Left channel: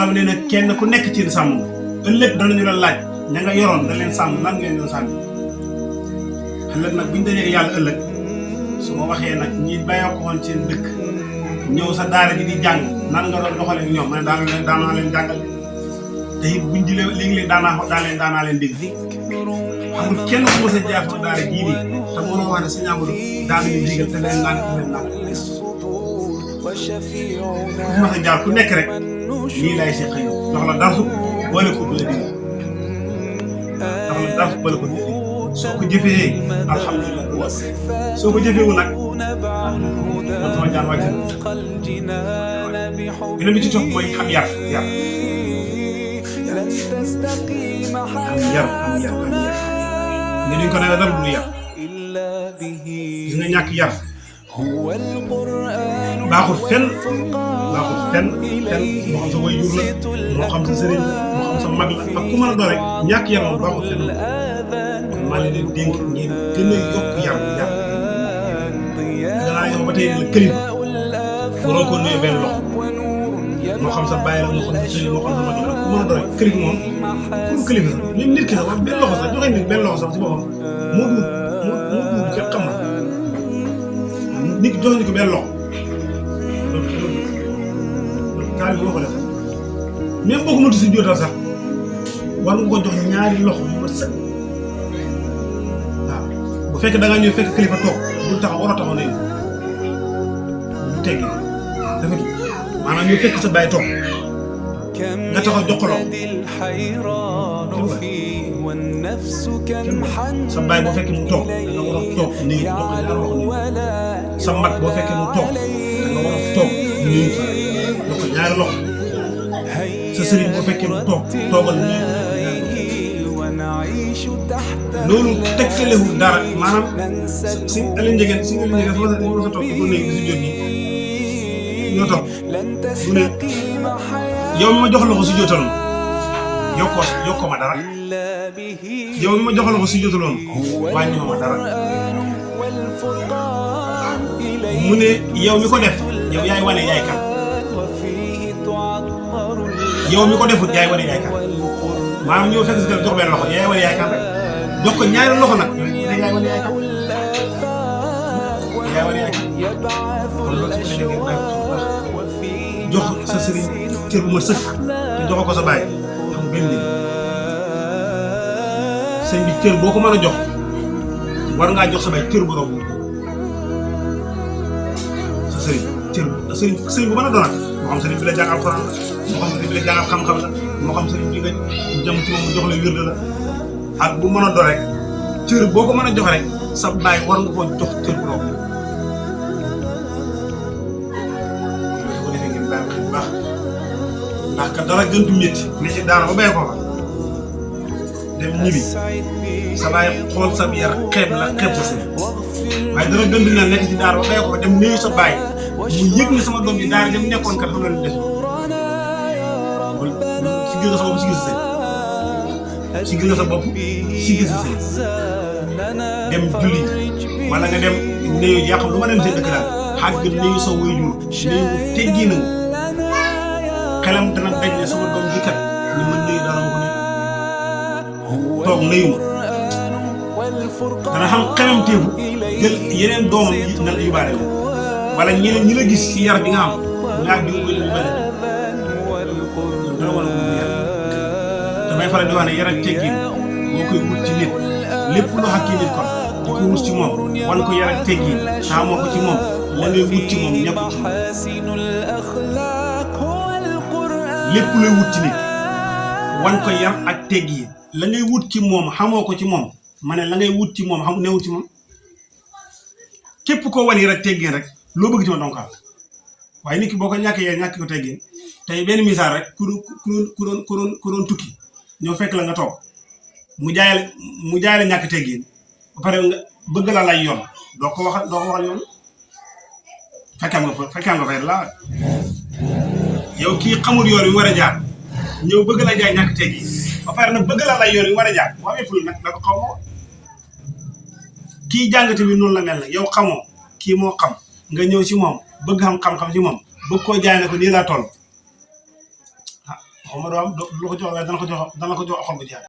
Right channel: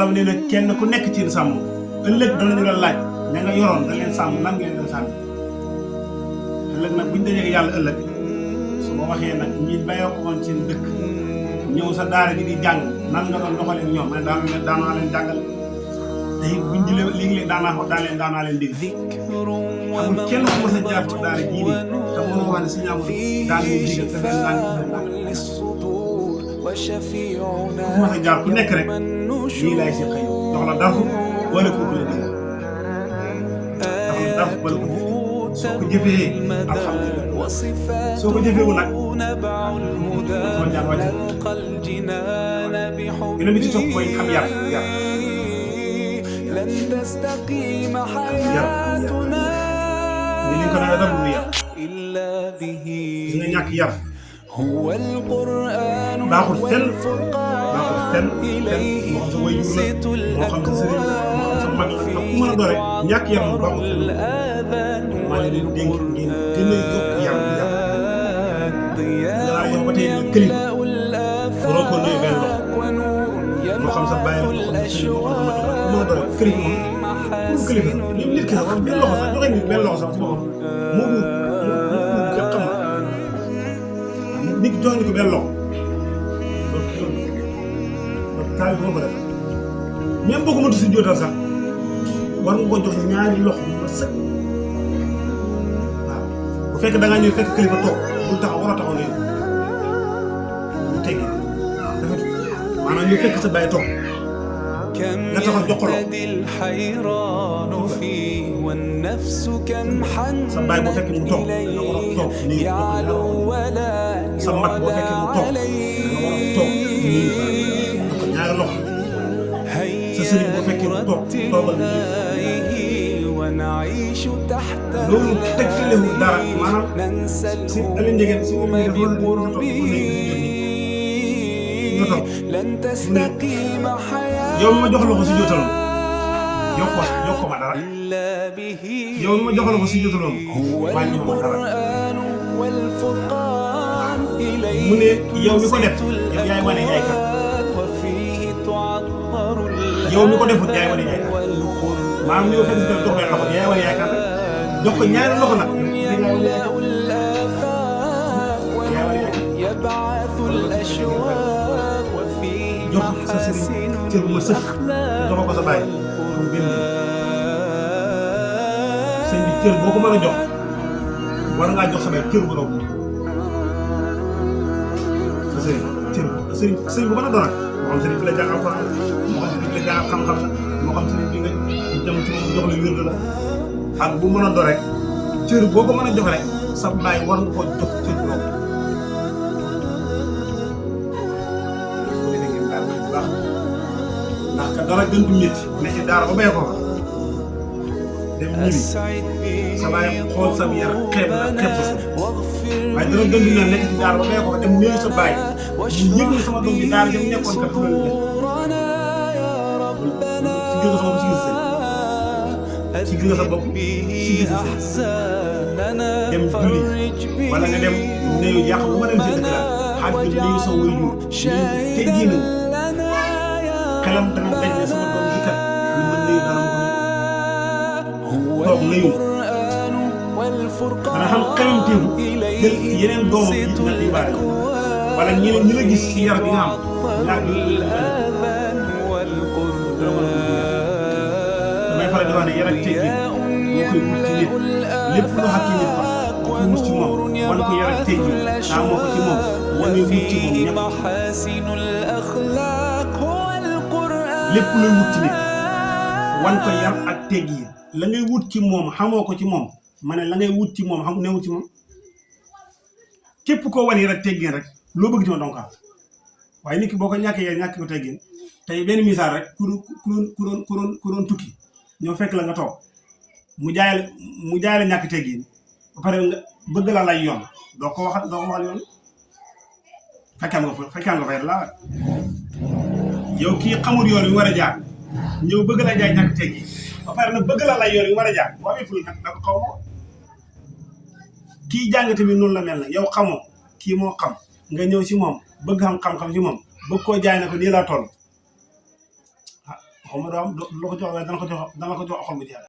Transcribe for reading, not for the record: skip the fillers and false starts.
xam ne nag kenn ku nekk ci sàmm ëllëg danañu la laaj ña nga yoroon da leen sàmm lan ngeen doon sàmm ëllëg nag buñu dajee yàlla ëllëg su ma waxee nag ñi bayoo ko woon seen dëkk ñëw sa daara ji di jàng nan nga doon doxalee ñoom man daanaa leen jàngal te it buñ jëlee léegi-léegi daanaa leen dégg amul kenn ku mos a jaar ci daara jii nii te mënoo wax ne si ñaamul daan leen dégg te leen daan ma sa jaar ku nekk rek lii lay si xëy dox la darsu boole ko bële dégg dox la darsu boole ko soo ko jëfee alhamdulilah soo ko jëfeewul nag soo ñaan wàcc gën a mi ci toog mooy xam yar لن تستقيم حياتنا إلا به هو القرآن والفرقان إليه ينصت الأكوان فيه تعطر الآذان والقرآن ضياء يملأ الآفاق ونور يبعث الأشواق وفيه محاسن même boo ko mënti si jootal sax war nga ko jox ñaari loxo yu mën sax waaw bu fekkee da ngaa ñëw fekk kilifa toog bu tax war a taxaw ne ñu teggi dafa maanaam ñu fekk sa bàyyi toog كم يهتدي الحيران فيه والنفس كم حنت إليه يعلو ولا يعلى عليه هيا نرتل آيه ونعيش تحت ظلاله ننسى الهموم بقربه لن تستقيم حياتنا إلا به هو القرآن والفرقان إليه تنصت الأكوان وفيه تعطر الآذان والقرآن يملأ الآفاق ونور يبعث الأشواق وفيه محاسن الأخلاق والقرآن sëñ bi cër boo ko mën a jox war ngaa jox sa bay cër bu raw sa sëriñ bu mën a doon moo xam sëriñ bi la jàng alxuraan moo xam sëriñ bi la jàngal xam-xam la moo xam sëriñ bi nga jëm ci moom jox la wér la ak bu mën a doon rek cër boo ko mën a jox rek sa baay war nga koo jox cër bu raw su ko defee ngeen baax baax ndax ka dara gën du métti ne ci daara ba bay ko fa dem ñibbi sa baay xool sa yar xeeb la xeeb sa waaye dana gën di ne nekk ci daara ba bay ko fa dem nuyu sa baay mu yëg ne sama doom bi daara ñoom nekkoon kat xam nga def si gis nga sa bopp si gis nga sa dem julli wala nga dem nuyu yaa xam lu ma dem seen dëkk daal xaaj nga nuyu sa waajur teggi na xelam dana daj ne sama doom bi kat ñu mën nuyu dana ko toog nuyu dana xam xelam teewu yeneen doomam yi dina lay baale wala ñeneen ñi la gis si yar bi nga am yaa ngi koy damay faral di wax ne yar ak teggi boo koy wut ci nit lépp loo xam ci nit kon boo koy wut ci moom wan ko yar ak teggi daa moo ko ci moom wane wut ci moom ñëpp lépp luy wut ci nit wan ko yar ak teggi la ngay wut ci moom xamoo ko ci moom ma ne la ngay wut ci moom xam newut ci moom képp koo wan yar ak teggin rek loo bëgg ci moom donc waaye nit ki boo ko ñàkkee ñàkk ko teggin tey benn misaal rek ku doon tukki ñëw fekk la nga toog mu jaay la ñàkk teggin ba pare nga bëgg la lay yoon doo ko waxal yoon fekkam nga fay la yow kii xamul yoon wi war a jaar ñëw bëgg la jaay ñàkk teggin ba pare nag bëgg la lay yoon wi war a jaar boo amee ful nag da ko xaw ma kii jàng tamit noonu la mel na yow xamoo kii moo xam nga ñëw ci moom bëgg xam-xam ci moom bëgg koo jaay ne ko nii laa toll waxuma doo am lu ko jox waaye dana ko jox xol bu jeex